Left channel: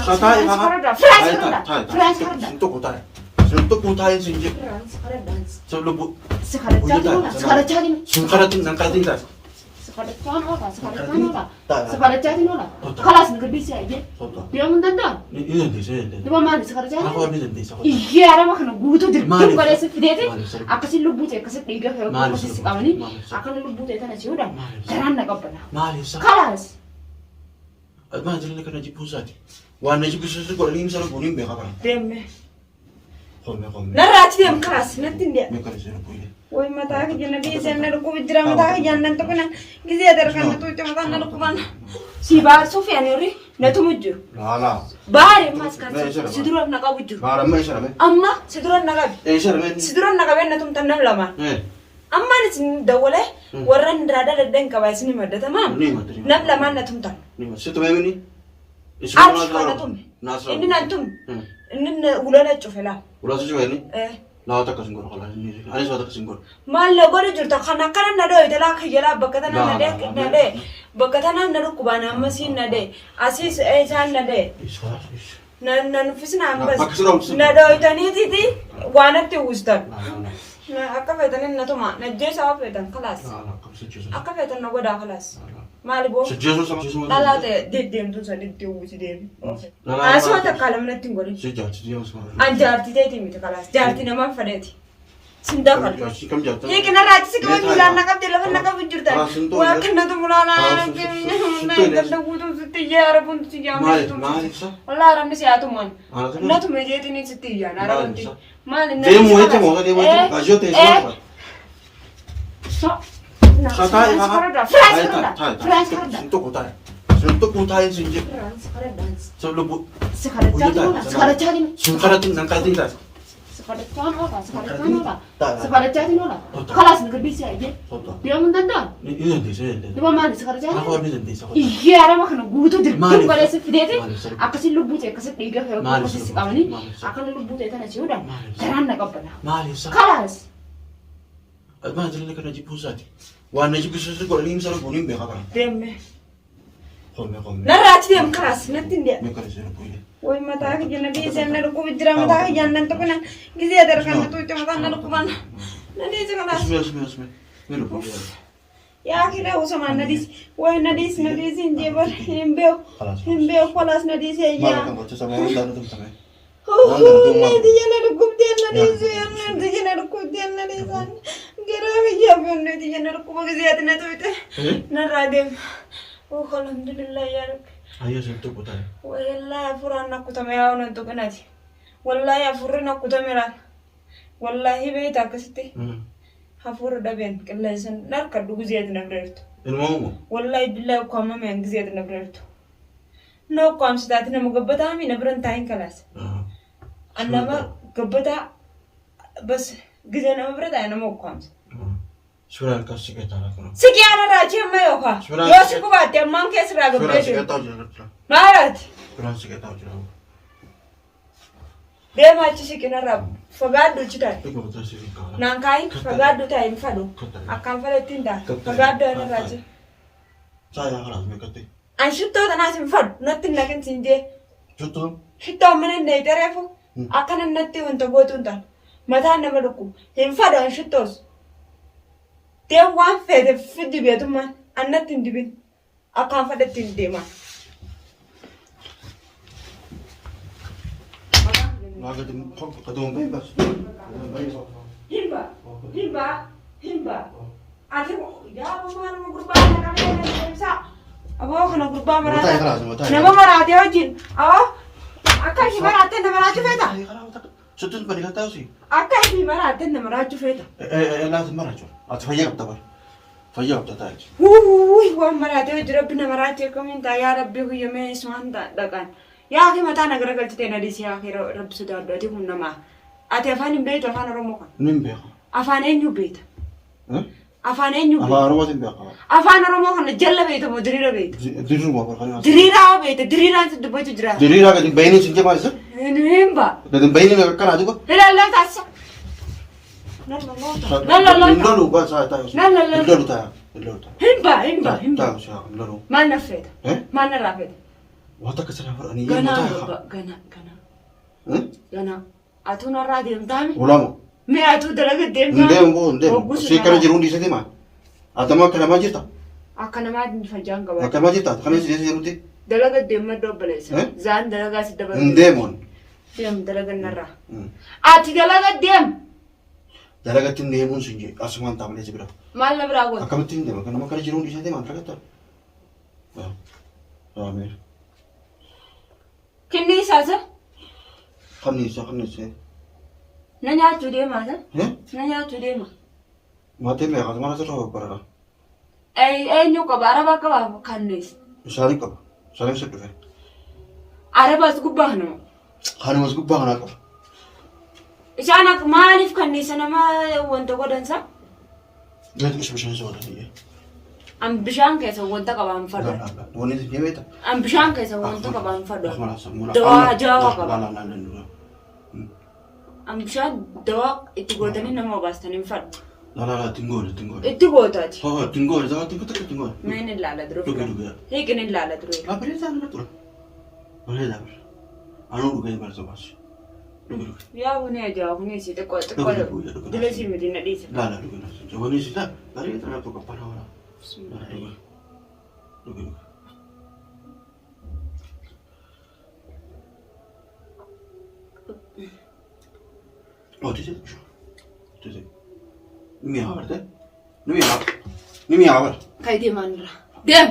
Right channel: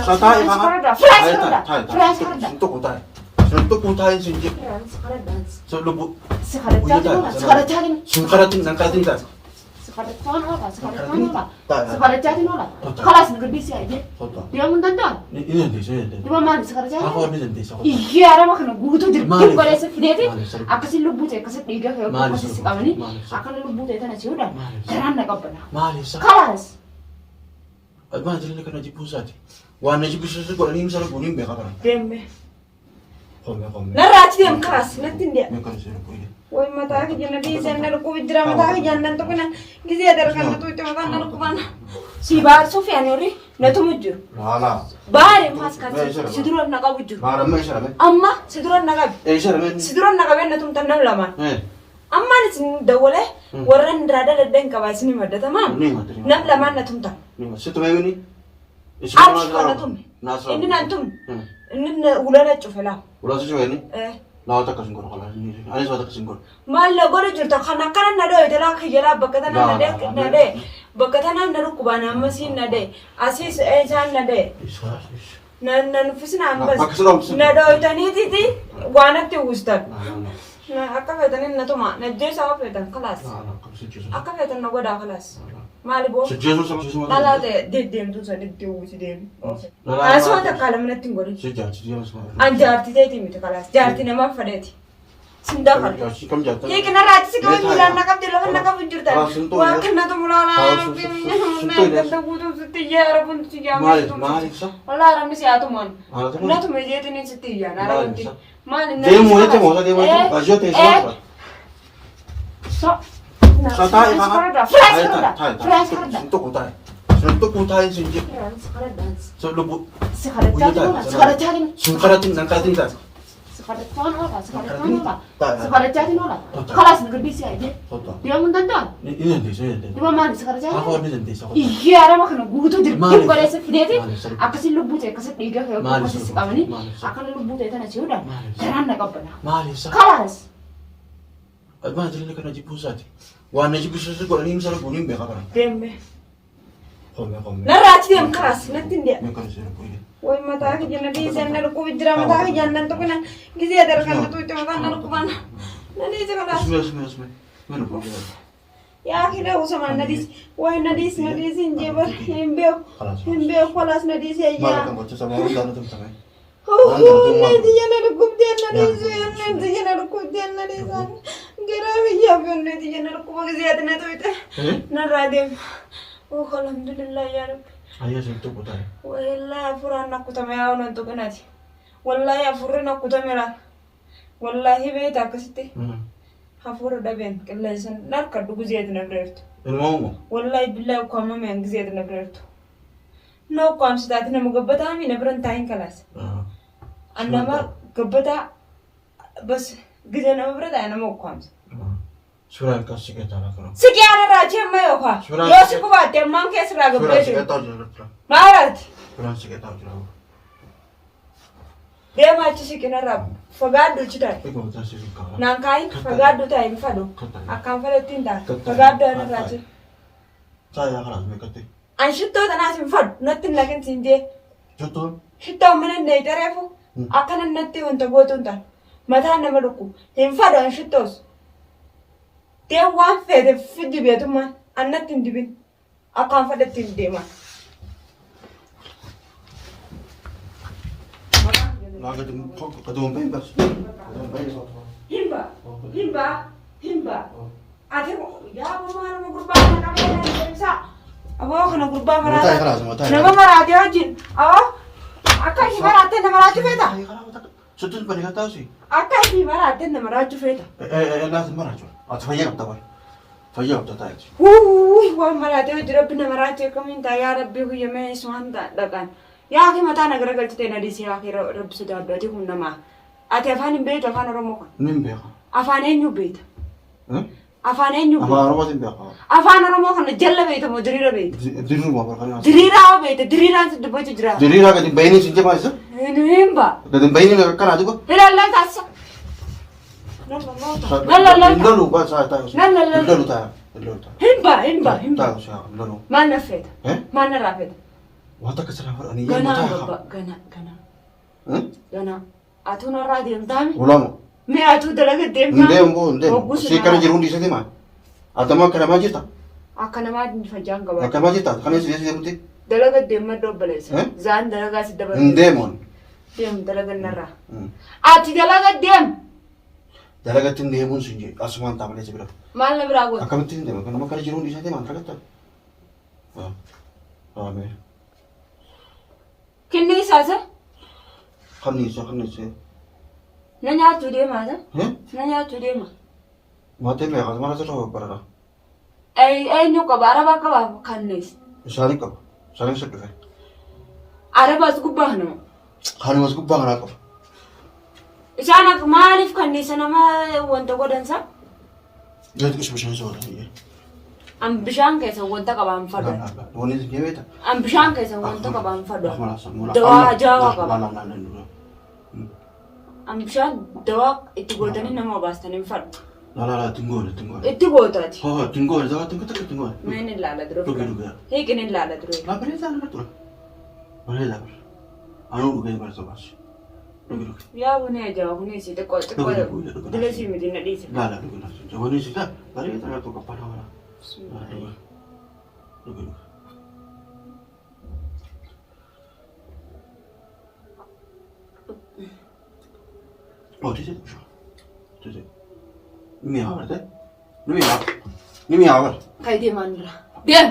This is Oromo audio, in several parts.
Satai ka. Suntok ko tayo. Suntok ko tayo sige. Sa lubo. Sungkarating ng karating tayo. Sekarang kelas negeri sih aja. Dia mentendang. Ini nanti. Di mana sekarang? Aku ini nanti. Iya, ada makan butuh deh. Tuh kalau seperti apa sih lu butuh? Kasih tiga kalau kasih sekarang ini, akan lu butuh itu nasi udah. Terang nak apa nak? Kelas. Abang jadi nak najib pusat. Wah najib pusat itu kalau ini misalnya bunim berapa? Deme. Kome. Naraj dia keras, nanti dia. Mereka di sana punya. Woi mata aku jangan di sana, aku bicara mata aku jangan tuh kena gizi ada kan tuh itu makan aku mana. Si bar Sofia nih, natu muju. Nah. Bar mas kan, seduran nak muju. Bar mana sana? Amma seduran nak. Sana. Seduran nak natu tanam lama. Amma ni sin dawale, warren rada ledeng kawai sini mada tamam. Nam lama natu tan. Situ mana ni? Arch natum. Ini natum. Ini ulana cufela. Ulah sesuai ni? Lawa tak kasingkor kalau ini. Ani suatu kasingkor. Malah baru jurta karena nado itu lah kerja bakatan nade. Bakatan nado kubana mesin nade. Asis esan nade. Nan fisna ambas. Nado itu ni titi wanat tu ustad. Nah, akka fetan na to ma. Najje sawa fetan kelas. Akka fetan na goda kelas. Malibo. Sejauh sama. Lala de dem tu sa de usi dem. Asu ta kalam na tingori. Sejauh sama. Anjarti de timi ta kelas. Jarti na ma fadeti. Sinda fad. Kam jatuh. Ye kena rati se kam bulan na kam de lawan na kam bunjurta. Wa kena to mulala na kimi. Na kam budu tiyara pun tiyara. Malik sa. Allah ramni se atuman. Na to me je tini se tiyara. Na ramni. Dia mau itu mau dia mau itu gajo teh semua. Satai ka. Suntuk kutai sini. So lubu. Sekarang sungkarating ng karating tayo. Sekarang jadi nola. Kelas negeri sih aja. Dia mentendang. Ini nanti. Di mana sekarang? Aku ini nanti. Iya, ada makan butuh deh. Tuh kalau seperti apa sih lu butuh? Kasih tiga kalau kasih sekarang ini, akan lu butuh itu nasi udah. Terang nak apa nak? Kelas. Abang jadi nak najib pusat. Wah najib pusat itu kalau ini misalnya bunim berapa? Deme. Kome. Naraj dia keras, nanti dia. Mereka di sana punya. Woi mata aku jangan di sana, aku bicara mata aku jangan tuh kena gizi ada kan tuh itu makan aku mana. Nanti itu kelas. Semua. Ya akhirnya usah mana nadis. Woi nadis injebar hembeo kelas nadis ya. Malah kamu sama orang dalam tu sama. Nanti jangan aku nadis. Gerah ya pun nanti jangan aku pakai ziyatin itu itu. Naradem. Oh alhamdulillah ya Rabbi. Ayah sentuh putar. Wallahi furan aku tamaya orang tu kena sih. Wallahi furan aku tamera. Wallahi beta kasih. Hafur daben kelasan nak kadu ziyatin abdert. Ilmu. Wallahi billahi aku mama yang ziyatin abdert. No kam sidat na magabata amin na berantahin kelas. Anda mah gabata bas giza na berada na mau kam. Surat kasih kita lah kalau. Sekian raja mayo kah? Ya sih kuat yang mangke seragam Surat itu. kita aja. Marat. Surat kita aja. Dia macam sih kena rab. Fagado cita. Iko kasih kita. Nangkai fagado tak ini fado. Akan fado tindak. Fagado ada raja. Saya kelas mereka tu. Ansyut tu tanah simfad. Natin lagi sinje. Betul. Kita mana ni terefu. Akan nanti untuk botuntan. Mata nama luku. Simfad ansyut tu. Dia wan fede fidi betu man. Anak tindibin. Akan fado tindih man. Laga tu ketemu bebas. Himba. Akhir ya mana mau berbahaya nak apa bisa? Awak kena berbahaya mana? Nama marah dia jin. Awak akan himba aten nama raju feta. Sutun pada kata sih. Akan himba aten nama raju feta. Lazim marah. Atau fayyak tak boleh. Fayyak tak tahu. Wah marah dia itu Rabbi nama raju komentar ya Rabbi gue yang mesuan tak kan. Ya akhir mata negara kerja tena di sini akhir Rabbi sudah berarti pun nama. Ati afan ini beda afan orang muka. Nimbe. Afan ini beda. Afan ini beda. Afan orang mana? Afan orang muka na jalla beda mau derira beda. Derira apa kan? Derira itu dapat derira. Derira kan bayi ni sini apa sih? Ini himba. Dan bayi ni kan ada juga. Allah tasya. Lalu apa saya tahu? Lalu tahu. Himba. Tahu siapa? Lalu. Mana feda? Mana rafeda? Wata ka sana ani Gana mata baba gana atuna radiyam tami ulamo me atu dalaga demma ndem si kana jiru ndi sete ma adama kana ma jirta akana ma din fajanga ba kana ma jirta kana si jiruti dalaga demma dobbalesa zan dalaga si dabal ndemon dem dalaga narra ati dalaga dem dalaga tin demun sunje asuman tamale jibra mal na brago akamatin dem kana ma kana jiru ndi sete ma antrakata amen kinni sasa khamni nanya tude ma za nanya tude ma mate me ga mara to bara ay nyo ko bara ba ka ba kannis shari se ke araba su gubahno khani mas gubahna ko isana malif kannis na ma wonta godansa yadda kishi bishan so da ni am bishan kai sa wonta ka ba am fado woni ni beta am bishan kai sa wonta ka ba am fado dawa jawa ka ba am bishan dawa itigotani na ma bastani fado la tingol itigotati tingol za tingol nene lala dro duga hekene lala dro la presa na dro wala anu duga ba so bas ya woni aja woni si te ko dile si mi dina disa la duga na so woni si la dari ta to ka pala duga oh tu sais Nimi awal. Kai de mandra. Dem.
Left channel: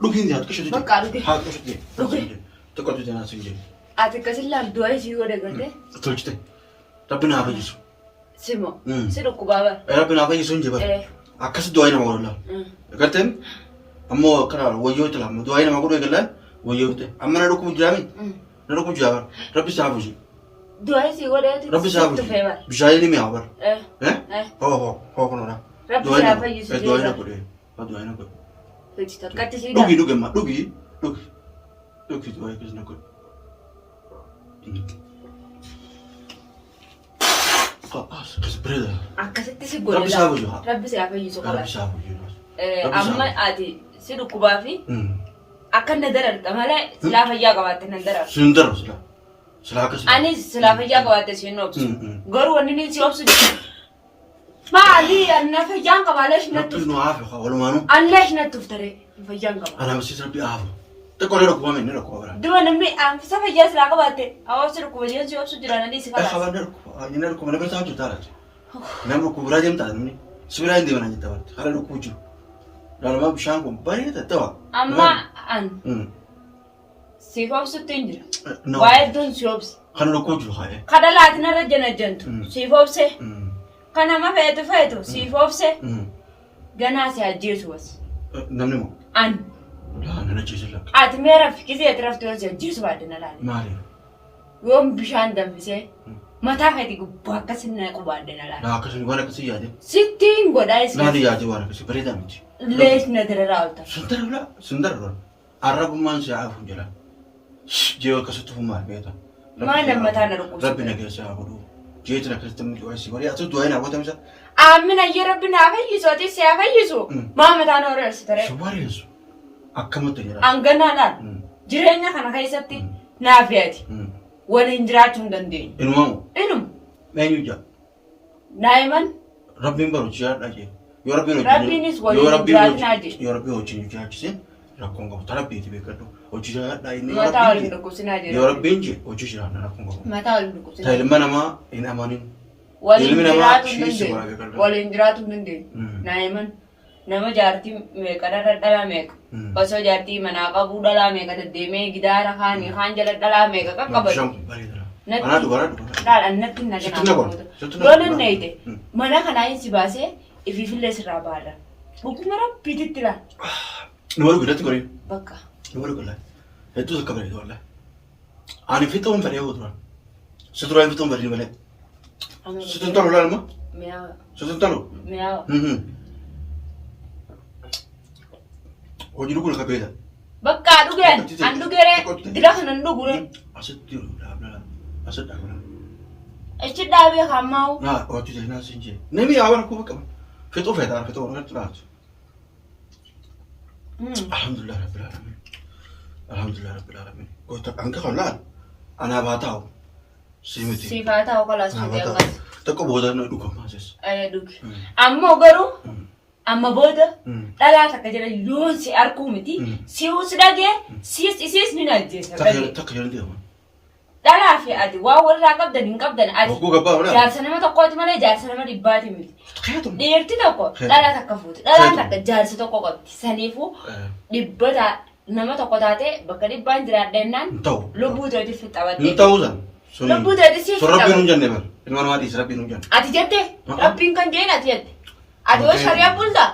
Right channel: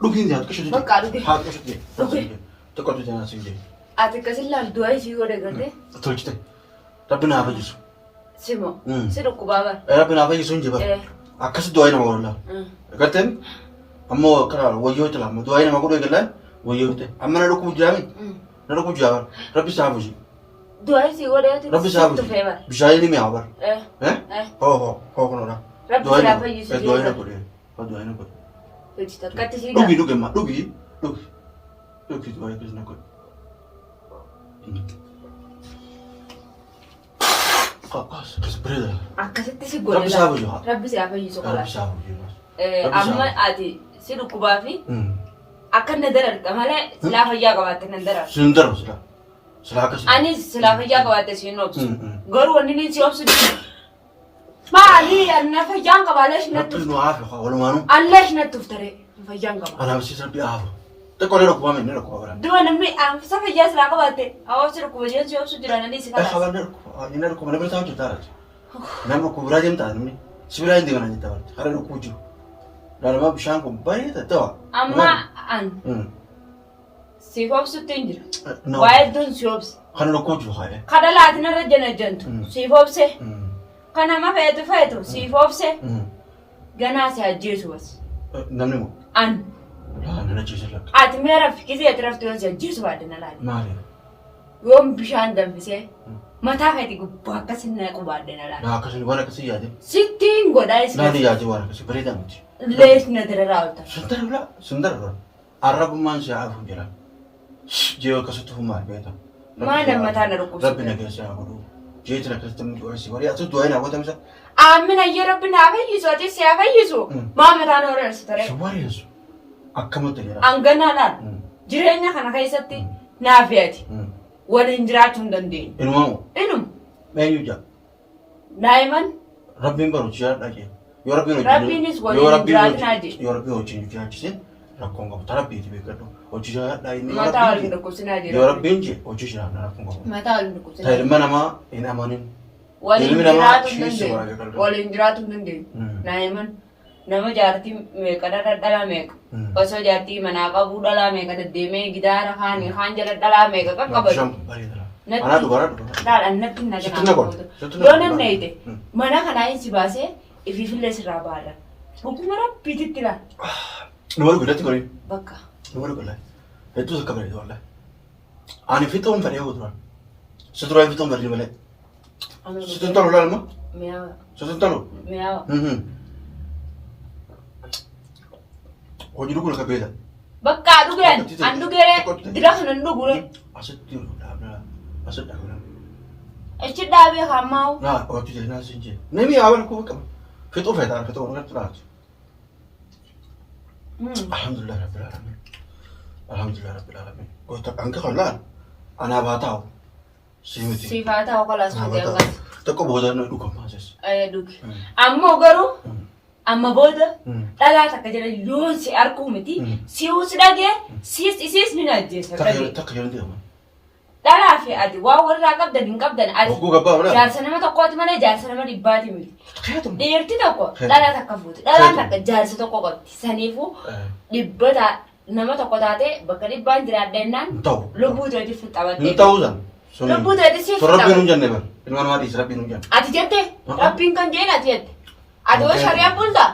Looking there, kashe. Bakka ruge. Ha kashe. Okay. To ko tujana sinje. Ate kasilla duai si gore gade. Tolchite. Rabbina abajisu. Simo. Siru kubaba. Rabbina abajisu nje ba. Akas duai na wala. Gaten ammo kara wayo tala mo duai na maguro gala wayo te. Amma na ruku jami. Na ruku jawa. Rabbi sabuji. Duai si gore ate. Rabbi sabuji. Bishayli mi awal. Ho kono na. Rabbi sabuji. Duai na kore. Duai na kore. Tujita kati si. Dugi ma dugi duai kisna kore. Breda. Akkasitti si gore. Rabbi sabuji. Rabbi sabuji so kala. Rabbi sabuji. Amma ati siru kubafi. Akan nadarar kamale silafa ya gabatin nadarar. Sundar sila kasi. Ani silafa ya gabatin sinobs. Goru wani ni si obsu. Ma ali anna fajanga balash na tu. No afi wala manu. Allash na tuftare fajanga ba. Ana msi sabi afu. Te ko lero ko mami nero ko bara. Duwa na mi am sa fajas la gabate. Awa siru ko je si obsu dirana ni si kala. Khabar nero ko mana bata jutara. Namro ko burajin ta ni. Sibira indi mana jita bara. Hara ko ju. Dala ma bishan ko bari ta to. Amma an. Si obsu tindira. Why don't you obsu? Khana ko ju khaye. Kada latina rajana jantu. Si obse. Kana ma feetu si fofse gana si ajjeesu was namni mo an la nana jeesu la at mera fikisi atraftu was ajjeesu badana la mali yom bishan dambise mata feeti gubba sinna qubadana la la kasin wala kasi yaade sittin goda is nani yaade wala kasi barida miti lees na dirarauta sundar la arabu man si afu jira jeewa kasatu huma beta mana mata na ruku rabbina kesa abudu jeetna kastam duasi wari atu duaina wata misa amina ya rabbina afayiso ati si afayiso ma mata na ores tare shwari yesu akkamata jira angana la jirenya kana kaisatti naafiyati walin jiraatun dandeenyu inum menyuja naiman rabbin baru jira daje yo rabbinis walin jiraatnaadi yo rabbi hojin jiraatise rakkonga tarabbi tibe kaddo hojira dai ni mata walin dukusinaadi yo rabbin je hojira na rakkonga mata walin dukusinaadi tayilma nama ina manin walin jiraatun dandeenyu naiman nama jaartii meeqa dhala meeqa osoo jaartii manaa qabuu dhala meeqa deddeemee gidaara kaanii kaan jala dhala meeqa qaqqabatu natti naganaa nayte mana kanaa insi baasee ifiifillee sirraa baadha dhuguma rabbiititti laal numaru gudatti gori bakka numaru gudatti hedduu sakka bareedu walla ani fixuun fedhee huturan suturaan fixuun bareedu malee sutun tolu laalma sutun tolu hojii dhuguu lafa beela. Bakka dhugeen an dhugeere dira kanan dhugure. Asitti dhaabna asitti dhaabna. Achi dhaabee hammaa'u. Naa hojii jala naas hin jee. Namni yaa waan akkuma qaba. Fixuu feetaan fixuu waan irratti laatu. Alhamdulillah rabbil alamin. Alhamdulillah rabbil alamin. Kota angka kalaan. Ana batao. Simiti. Sifata o kalas Batao. Tako boda na duka masas. Ay duki. Ammo garu amma boda dala takka jira yoon si arkuu miti si usdage sis mina jesa Taka yaran dia. dala fi adi waa warra qabdan hin qabdan adi Oku gabba wala. jaarsa nama tokkooti malee jaarsa nama dhibbaati miti Takayatu. dhiirti tokko dhala takka fuuti dhala takka jaarsa tokko qabdi saniifu dhibbata nama tokko taate bakka dhibbaan jiraadha jennaan Ta'u. lubbuu ta'eeti fixabatte Ta'u san. lubbuu ta'eeti si So rabbiin hin jenne bar. Ilmaan maatii rabbiin hin jenne. ati jette rabbiin kan jeen ati jette ati waa shariyaa bulta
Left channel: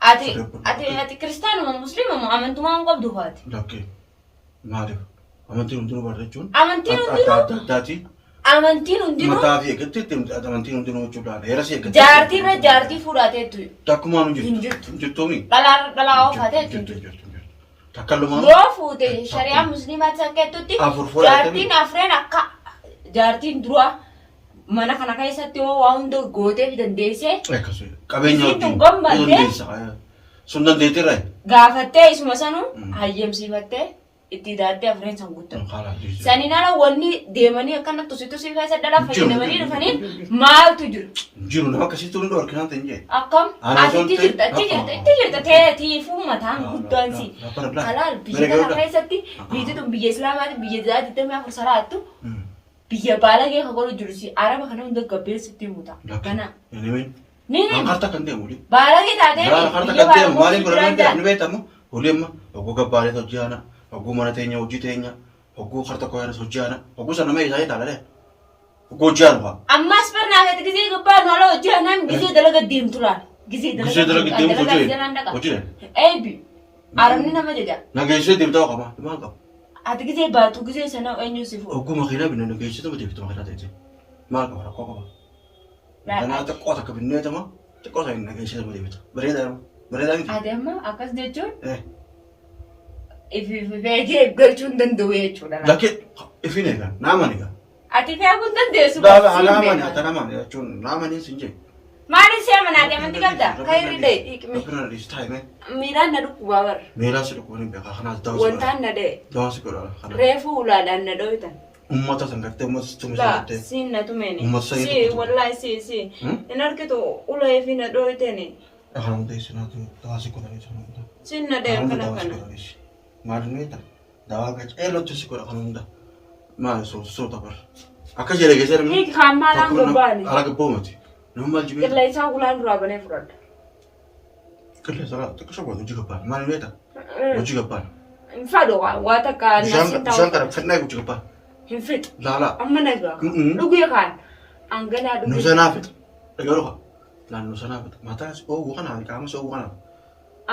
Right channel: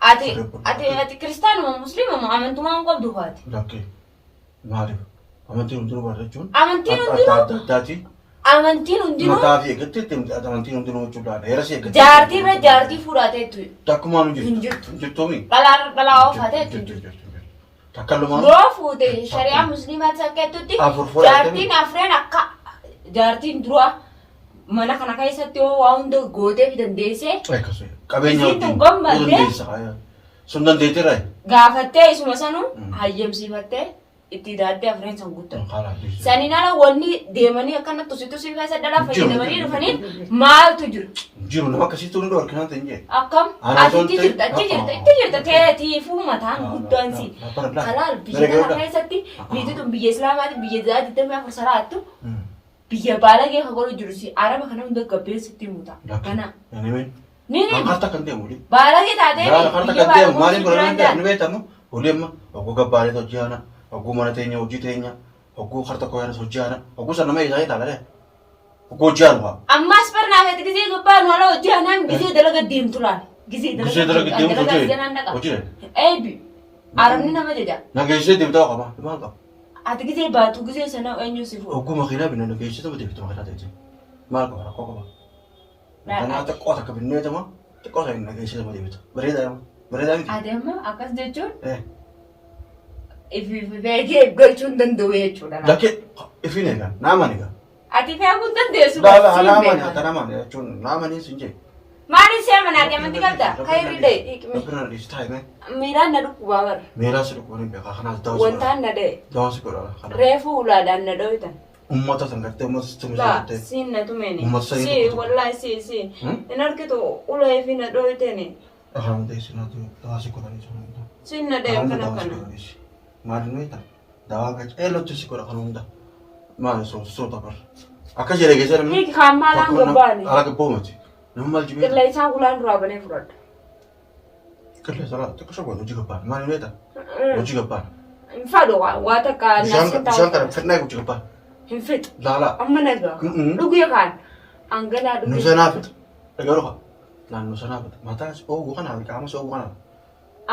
ati kiristaanuma musliimuma amantumaan qabdu faati Lakkee. Maaliif? Amantiin hundinuu barra jechuun. amantiin hundinuu Addaati. amantiin hundinuu Mataa fi eeggatti amantiin hundinuu jechuudha. Heera si eeggatti. jaartiirra jaartii fudhateetu Takkumaan hin Hin jirtu. jirtu. Hin jirtuumi. dhalaa oofateetu Takkallumaan. yoo fuute shariyaa musliimaatti sakkeettutti Afur fudhatame. jaartiin afreen akka jaartiin dura mana kana keessatti yoo waa hunda gootee fi dandeessee Akkasuma. Qabeenya Isiin wajjin. kun gommallee. Dandeessa. Sun dandeettiirra. gaafattee isuma sanuu hayyamsiifattee itti daaddee afreen san guuttamu. Saniin ala wanni deemanii akkana tusi keessa dhala fayyadamanii dhufaniin maaltu jiru? Jiru nama akkasitti hunduu harkinaan ta'in jee. Akkam Ana ati itti ijoollee- jirta itti jirta teetiifuu mataan guddaan si. Kalaal biyya kana keessatti biyyi tun biyya islaamaati biyya digdamii afur salaattu biyya baalagee kan godhu jiru si araba kana hunda gabbeessitti muta. Kana ni Harta kan deemu. baalagee taatee Harta kan deemu maaliif godhamee ni beekamu? Uleemma hogguu gabbaalee hojii ana hogguu mana teenya hojii teenya hogguu harta koyaanis hojii ana hogguu sana nama isaa jedhaa hogguu hojii ana fa'a. ammas barnaafete gisee gubbaan wala hojii anaan gisee dalaga deemtu laal. Gisee Gisee dalaga deemu hojii. Hojii. Eebi arabni nama jedha. Nageessee deemtaa qaba. Maal qaba? Ati gisee baatu gisee sana eenyu si fuudha. Hogguu makiinaa binna nageessee tapha deemtu makiinaa ta'e. Maal qaba? Rakkoo qaba. Kanaa xiqqoo takka binneetama xiqqoo ta'e nageessee tapha deemtu. Bareedaa bareedaa miti. Ati amma akkas jechuun Eh. ifi beekee galchuu hin danda'u jechuudha. Lakkee ifiin eegaa naaman eegaa. Ati fe'uu hin dandeessu. Naaman ata naaman jechuun naamanii sin jee. Maali si amanaa deemanti qabda? Kayri dee. Rabbina dhiis taa'ime. Miiraan na dhukkuba bara. Meeraa si dhukkubanii beekaa kanaas dawaa si Wantaan na dee. dawaa si godhaa kana. Reefu ulaadhaan na dhohitan. Ummata san gartee ummata si tumisa La gartee. siin na tumeni. Ummata sa Si jedhu. wallahi si. In argitu ulee fi na dhohitani. Akhaan hundee sinaatu dawaa si godhanii sun hunda. Siin na dee Akhaan kana dawaa si kana. godhanii. Maali nuyi dawaa gacha eelotti si godha kan hunda. Maali soota bar. Akka jedhee geessee namni. Hiik haamaalaan gobbaani. Ala gabboomati. Nama maal jibee. Qilleensaan ulaan duraa banee fudhadha. Qilleessa xiqqoo shawwaatu hojii gabbaan. Maali nuyi hojii gabbaan. Hin fadhu waa takka Bishaan kana fedhnaa hojii gabbaan. hin fixu. Laalaa. Amma nagaa. Dhuguu yookaan hanganaa dhuguu. Nusanaa fita. Dhaga'u qofa. Naannoo sanaa fita. Mataa ooguu kanaa qaama ooguu kanaa.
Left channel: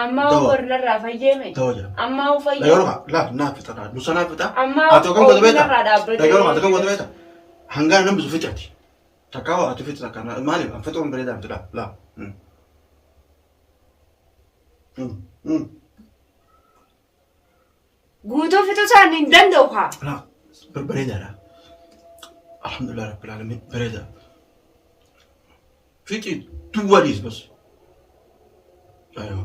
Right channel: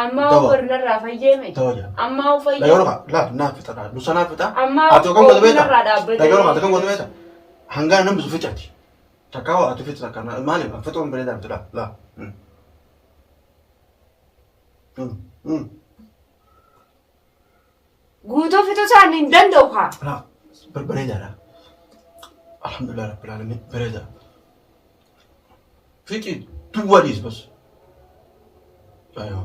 Amma Dawa. horinarraa fayyeme. Dawa jira. Amma Dhaga'u fayyeme. qofa. Laa naa fita. Nusanaa fita. Amma Ati kan goota beektaa? horinarraa dhaabbatee. Dhaga'u qofa. Ati kan goota beektaa? Hangaan namni bisu fitaati. Takkaa waa ati fita takka maaliif fixuun bareedaa miti laa. Laa. Guutuu fixuu isaanii hin danda'u haa. Laa. Bareedaadha. Alhamdulillah rabbil alamin bareeda. Fixi duwwaadhiis bas. Aywa.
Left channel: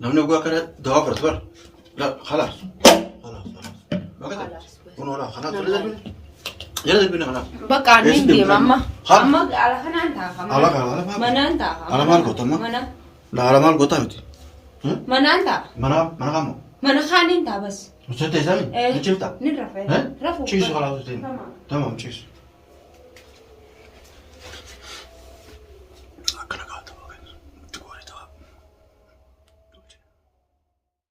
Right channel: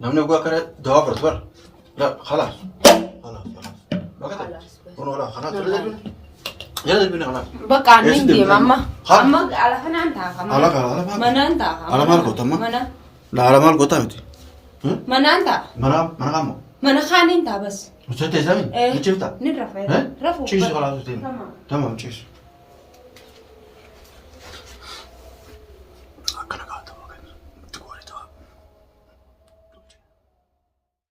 Namni oguu akkana dawaa fudhatu bara. Laa khalaas. Khalaas. Bakka kun oolaa khalaas jala darbine. Jala darbine khalaas. Bakka ani deema amma. Haa? Amma ala kanaan taa'a. Ala maal? Manaan taa'a. Ala maal goota amma? Mana. Laa ala maal goota miti. Manaan taa'a. Mana kaamoo. Mana kaaniin taa'a bas. Mucaate isaanii? Mucifta? Ni rafee. Rafuu. Ciisu khalaas. Tamam ciisu.